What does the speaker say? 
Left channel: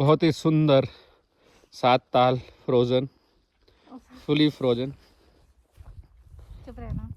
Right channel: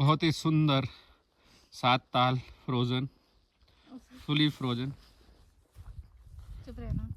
बहुत ही सुंदर 7 ताल फ्रोजन, फुली फ्रोजन। चुप रहना।